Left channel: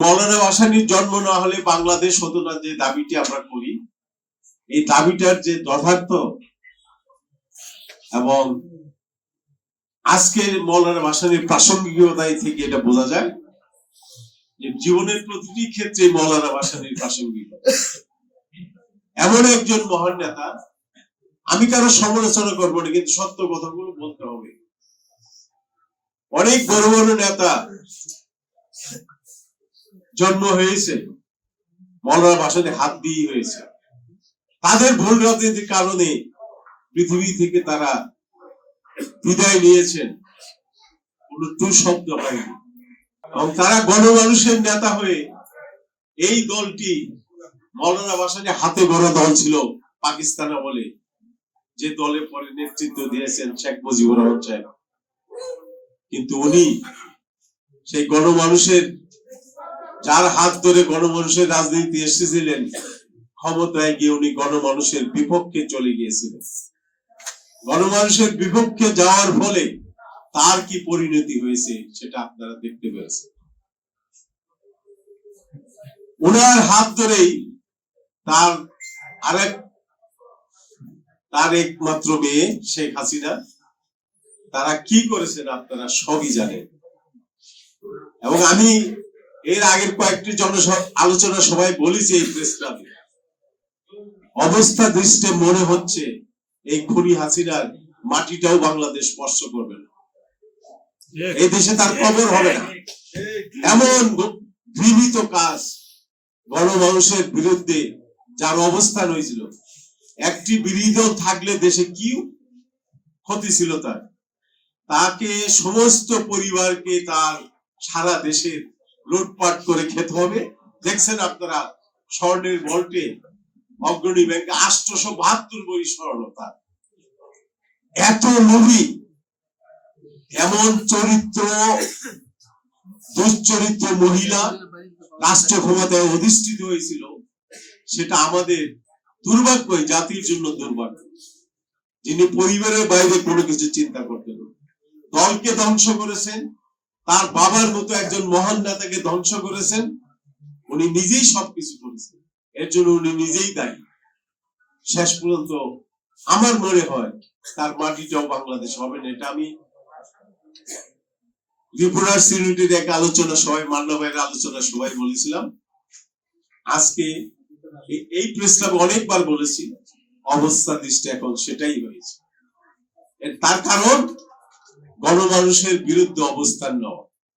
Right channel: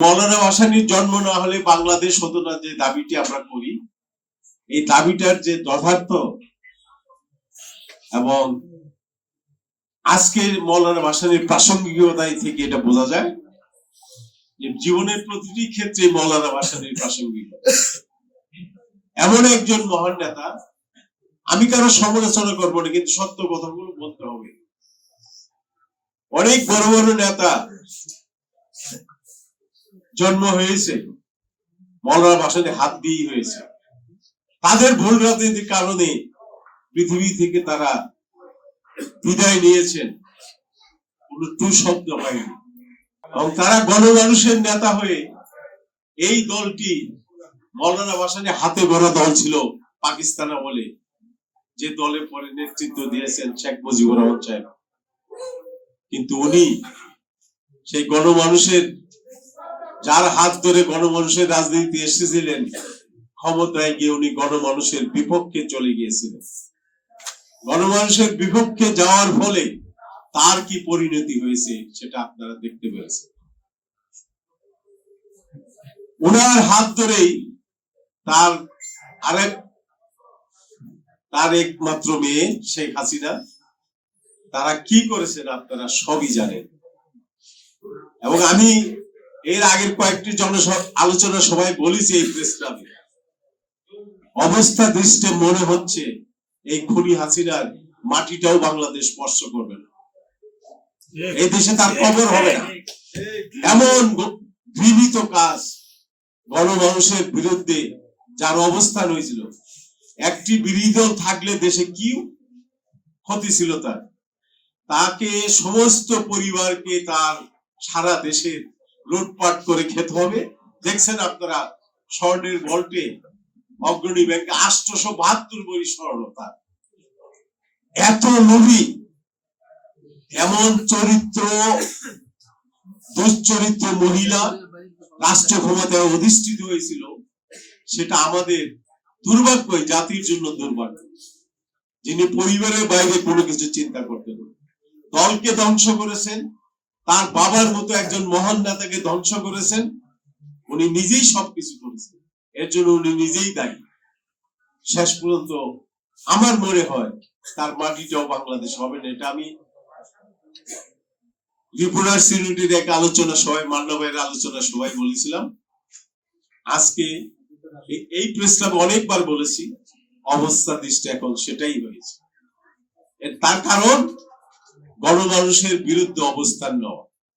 মৌলানা ভাসানীর জন্ম না হলে বাংলাদেশ হতো না, যে দাবিটি আমরা করি, এই দাবিটার যে যথার্থ এবং আজকের মৌলানা ভাসানীর প্রাসঙ্গিকতায় থেকে এটা বোঝা যায় যে জীবনের প্রতিটি ক্ষেত্রে মৌলানা ভাসানীর প্রাসঙ্গিক। এমন একজন মহান নেতা, আমি কারো সমালোচনা করবো না, কিন্তু সত্য কথাগুলো বলতে হবে। অনেক বড় বড় নেতা জন্ম হয়েছে মৌলানা ভাসানী হাত দিয়ে হয়েছে। তাদের ভুল রাজনীতির কারণে পৃথিবী থেকে তারা বিদায় নিয়েছেন, কোন টু শব্দ হয়নি। এবং তারা গণমানুষের নেতা হয়ে এই দলটি মৌলানা ভাসানী হাতে গড়া দল ছিল পাকিস্তান আমলে, যে দলের পরে নেতৃত্ব দিয়েছেন শেখ মুজিবুর রহমান সাহেব। কিন্তু উনি সেই গণমানুষের, যার হাত ধরে গণমানুষের রাজনীতি এসেছিলেন, ক্ষমতায় গিয়ে উনি গণমানুষের বিপক্ষে চলে গিয়েছিলেন। গণমানুষের বিপক্ষে যাওয়ার ফলে তার কি পরিণতি হয়েছে সেটা আপনারা দেখতে পেয়েছেন। ওনার হাত ধরেই তার একমাত্র মেয়ে শেখ হাসিনা, তারা কি করেছেন আপনারা সবই জানেন। এবং আমি এর আগের কয়েকটি আলোচনা সবাই বলেছি এই প্রেস ক্লাবে, অবস্থা দৃষ্টে মনে হচ্ছে এই খুনি হাসিনার মাটিটাও বাংলাদেশ স্পর্শ করবে না, এই দেশে তার কবর হবে না। এমন ঘৃণিত কাজ গণমানুষের বিরুদ্ধে যার অবস্থান হয়েছিল, একটি বিরোধী দল থাকলে দেশে কি ক্ষতি ছিল তার, তাকে সমস্ত পরিবারকে তার সারা দেশের লুটপাট করে খেতে হবে। দেখছেন আপনারা স্বর্ণের ভল্টে অগ্রণী ব্যাংকে 872 বড়ি স্বর্ণ তার। এত লোভী, এমন চরিত্র, দুশ্চরিত্র মহিলা রাষ্ট্র ক্ষমতায় অধিষ্ঠিত হয়েছিল, সেটা আমাদের দুর্ভাগ্য, জাতির জন্য দুর্ভাগ্য। যিনি পরিবারের বাইরে কোনো কিছু চিন্তা করতেন না, দলকে ধ্বংস করেছেন, তার বাবার মতো একজন মহান নেতাকে ধ্বংস করেছেন, উনি নিজেই সবকিছু করেছেন, এর জন্য উনি নিজেই দায়ী। শেষ পর্যন্ত আমার মনে হয় তার মাটিটাও বাংলাদেশ হবে না। এটা আমি ত্রিপুরার সিনিয়রিটির এক আলোচনা সবাই, মান্না ভাইয়ের আলোচনা সবাই বলেছিলাম। আজকে এই প্রেস ক্লাবে অনেকবার বলেছি, অবস্থা দৃষ্টি এখন সেটাই হয়েছে। তার কারণ গণমানুষের বিরুদ্ধে অবস্থান নেওয়া।